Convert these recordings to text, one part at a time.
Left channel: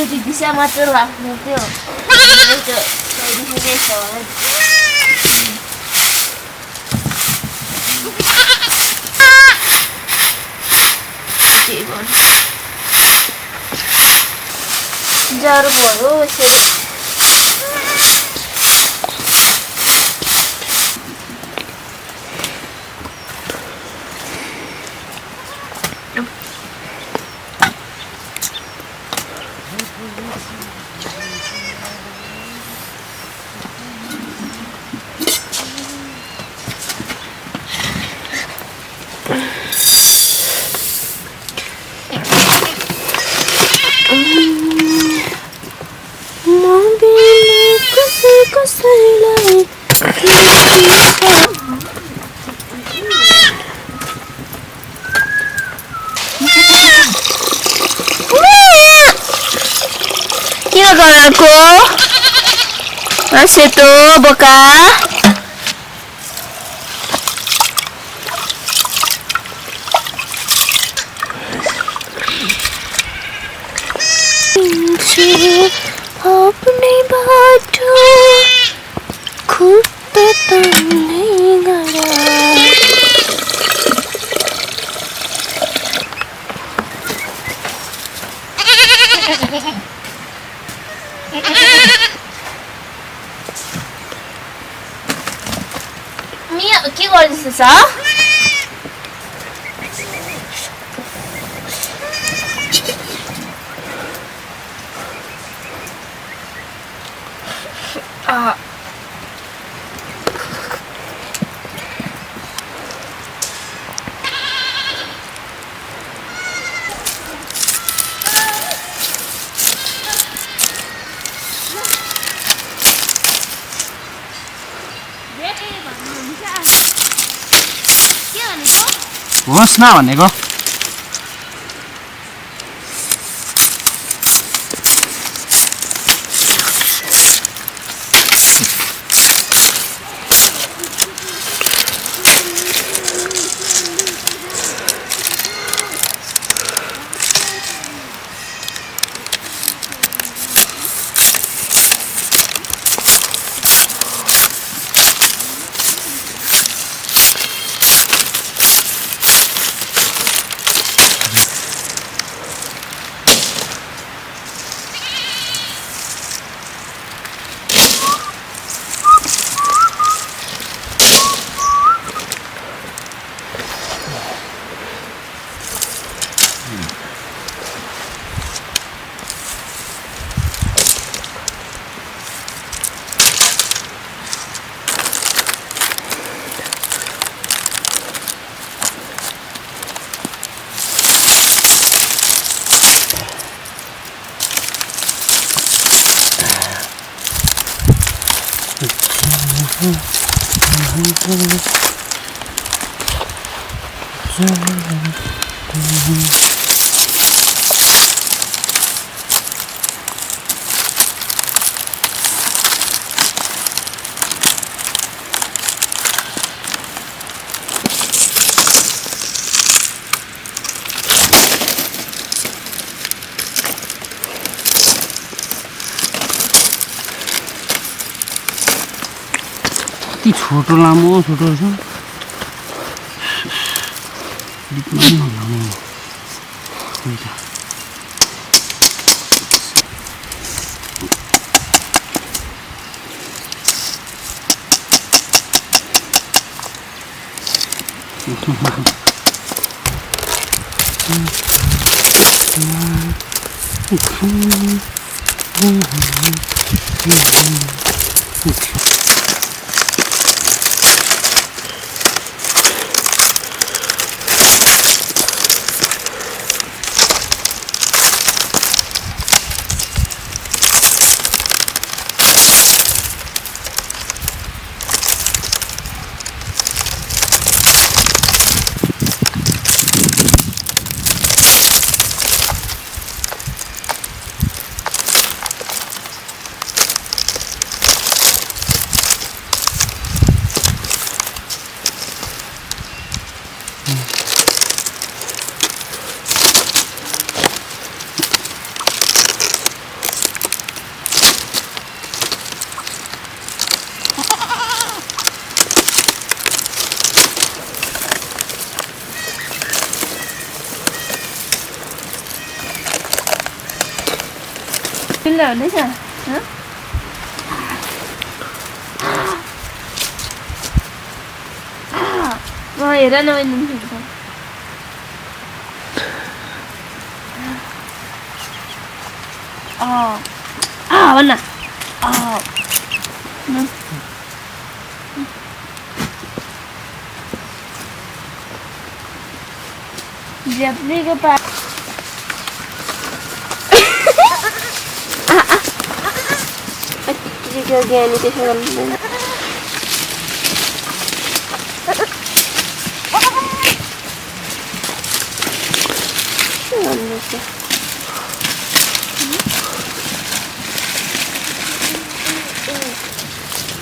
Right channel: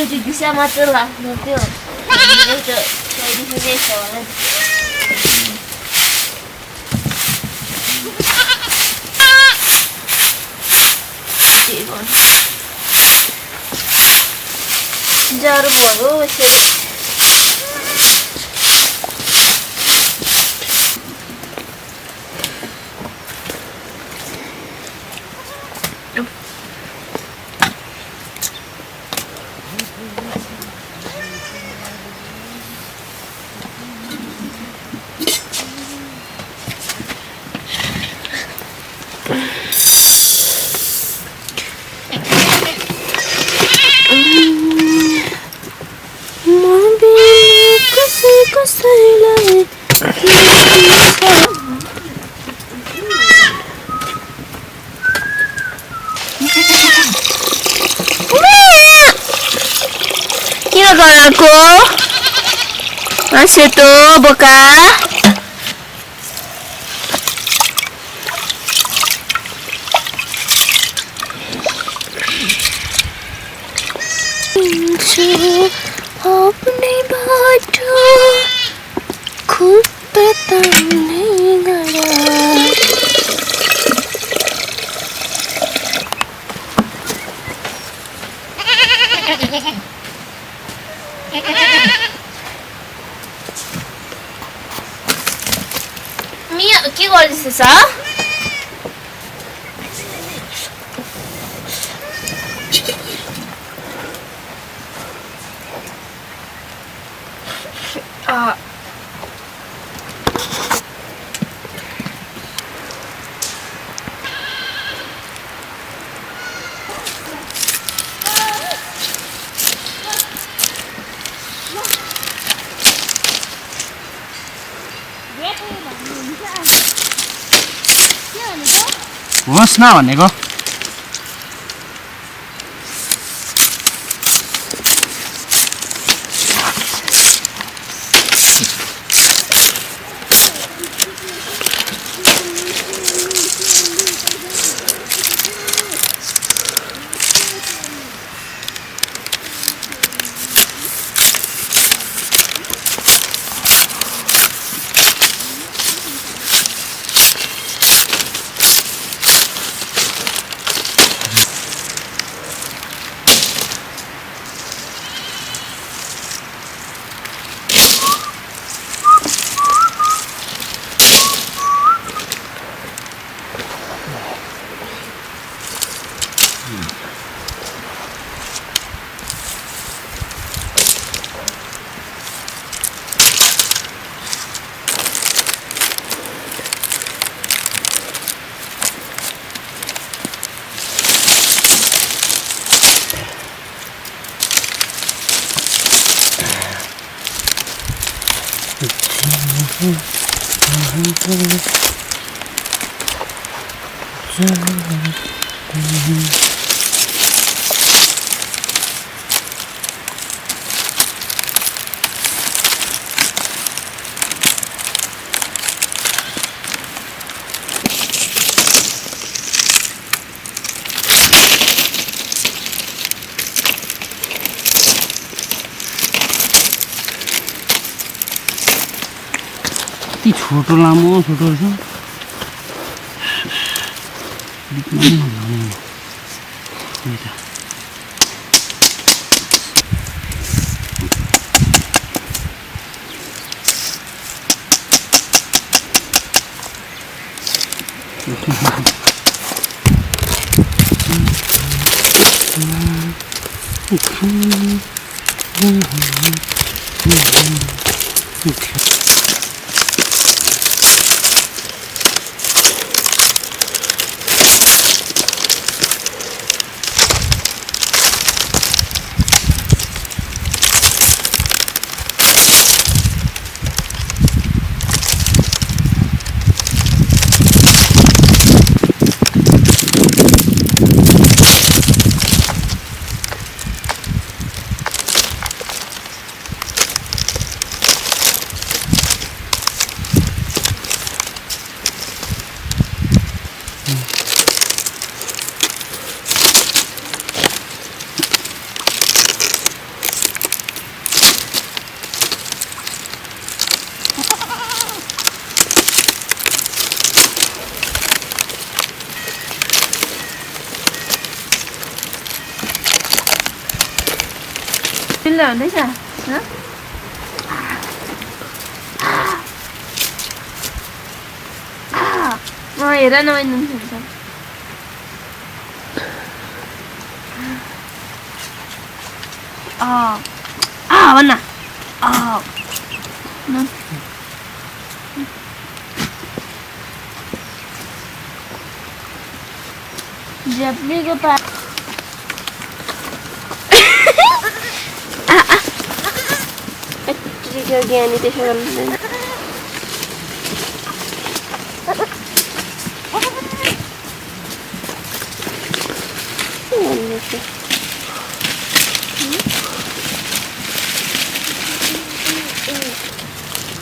एकचोटि दिशा मात्र लाग्नु थियो एउटा सजिलै छ होला ज्वरो भयो यसरी गराको सेतो बोका अपने बाटो खुद तान्दै गरा मिया के गर्दैछस् होस् न भनेको छोटो लामो छोटो रहेछ बिचमा नि नलाउने त्यही त रमाइलो हुँदैछ हेर न मैले खेल्छ भन्न जेप्लीको पा ज्ञानी त्यसो गर्नुहुँदैन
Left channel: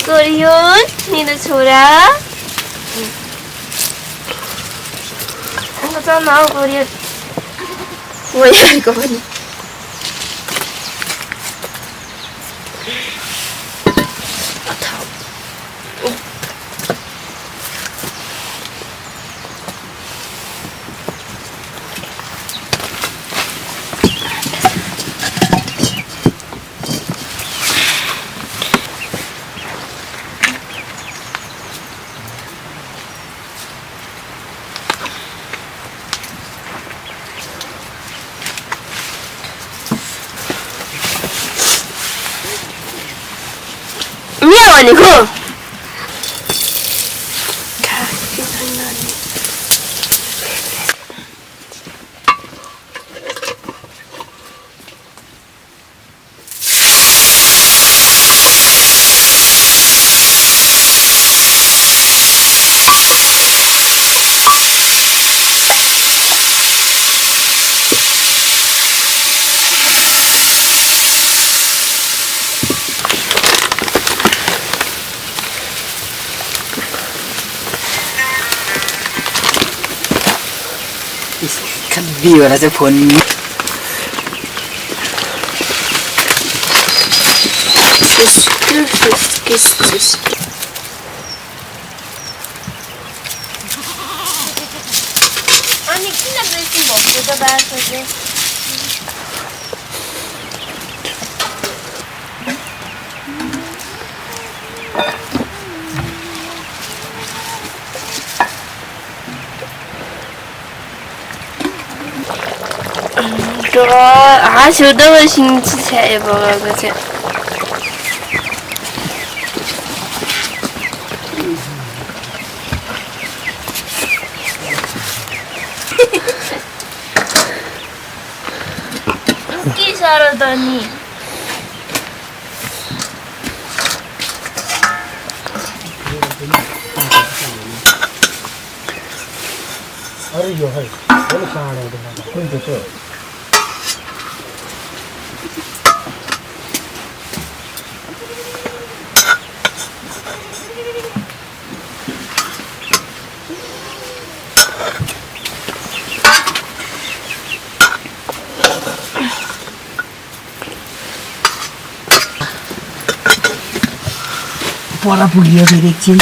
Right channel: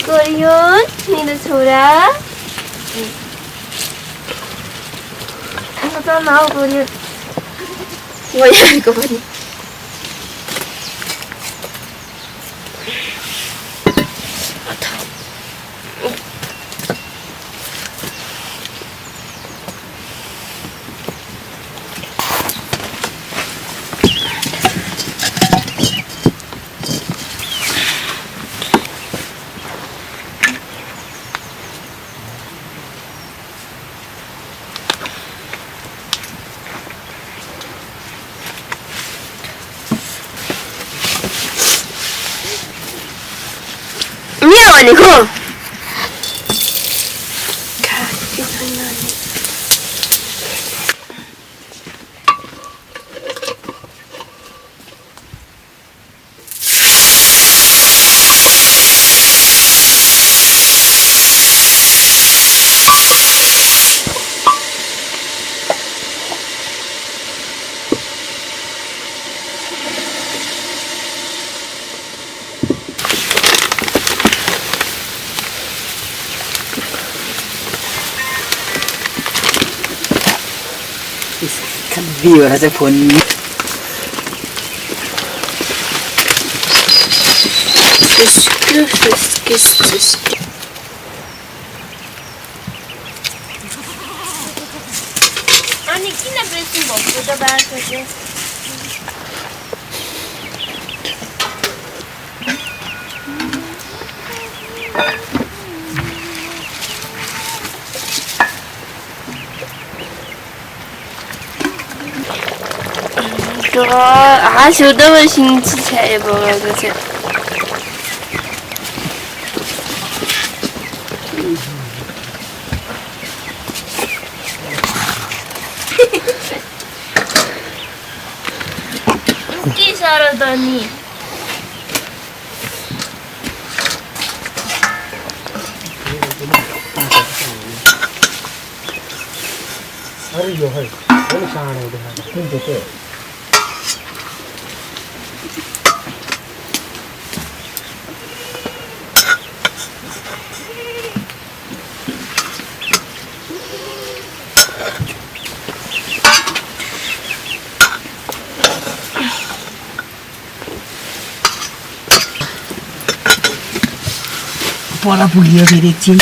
कोरियन मेरो छोरा चल न कोरियन गइरहेको पनि भनेको बिहोरा चाहिँ फोन अनि किन प्रेसिङ भएको त बास चाहिँ 하셔도 신체 먹어가지고 웃기 잘하더니 अरे यो है पनि सानो हुँदैन कुन चाहिँ त्यो पोला पुग्यो फेरि एकछिन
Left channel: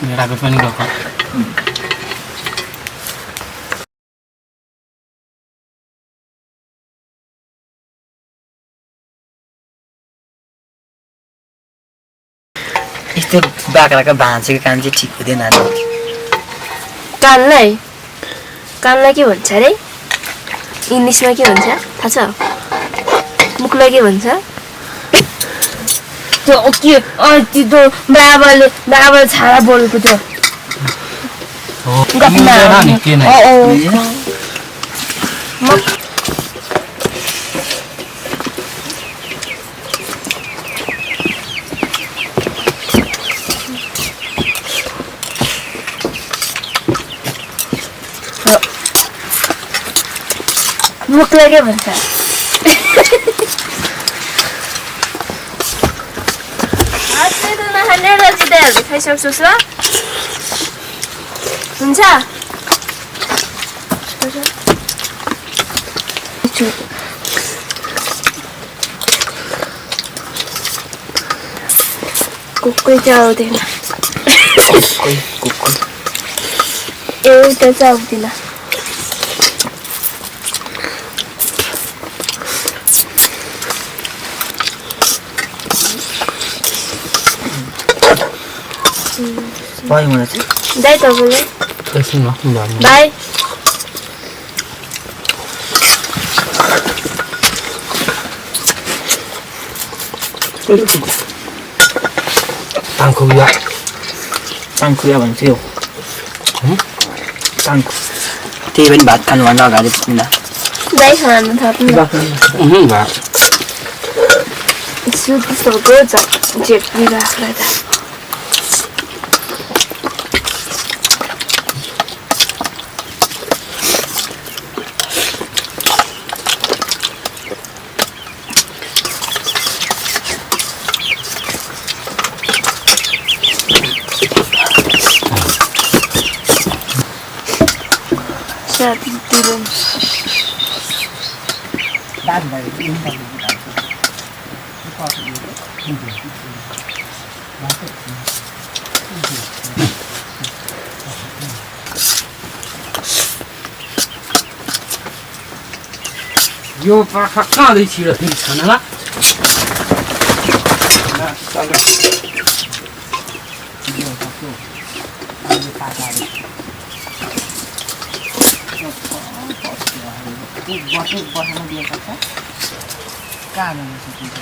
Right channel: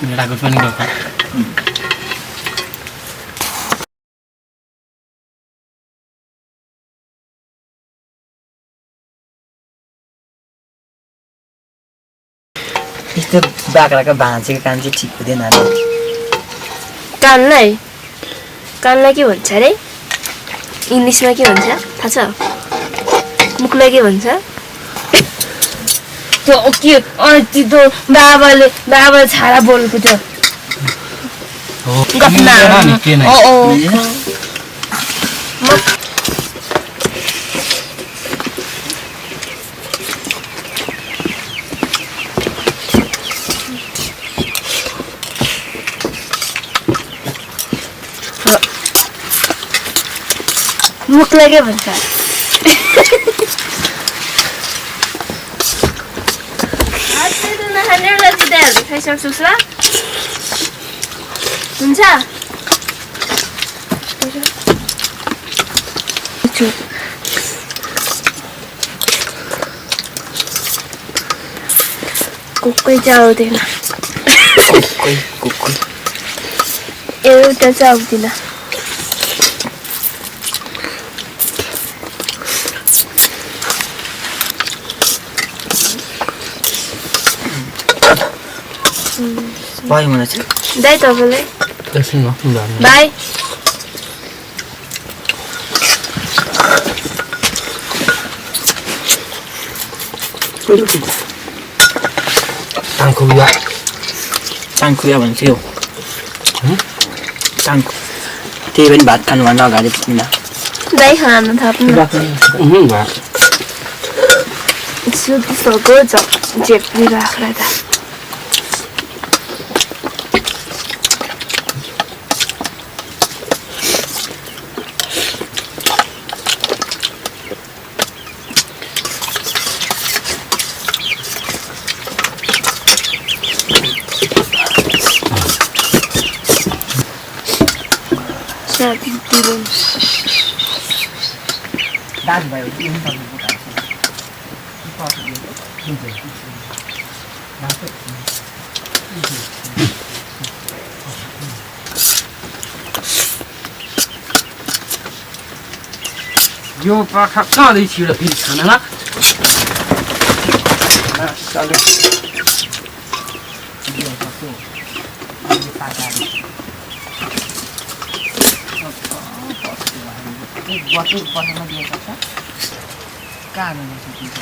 भेडागोठ पनि गएको यस्तो बाख्राको भाँचेको काम चाहिँ ठिक हुँदैन कानलाई के भन्छ अरे इङ्ग्लिसमा के भन्छ थाहा छ मुखलाई के भन्छ त्यो के त्यो बाबाले छाडा बोलेको त्यो मुखलाई के भन्छ पैसा सोच ल हुन्छ कुकुर चाहिँ आउँदैन एउटा चाहिँ आउँदैन पऱ्यो मलाई चाहिँ दाइ तपाईँलाई एकछिन न जानु दाइ टाङखुया चाङखुया भन्छ यो चाङखु त्यही पनि भात खानुभन्दा अगाडि पुग्दा दाइ खानु थाप्नु सुत्नुको झेप्री राख्दा यो पाखा कहाँदै छिडो खाना ल बस्न दिएको छ कहाँ जान सकिन्छ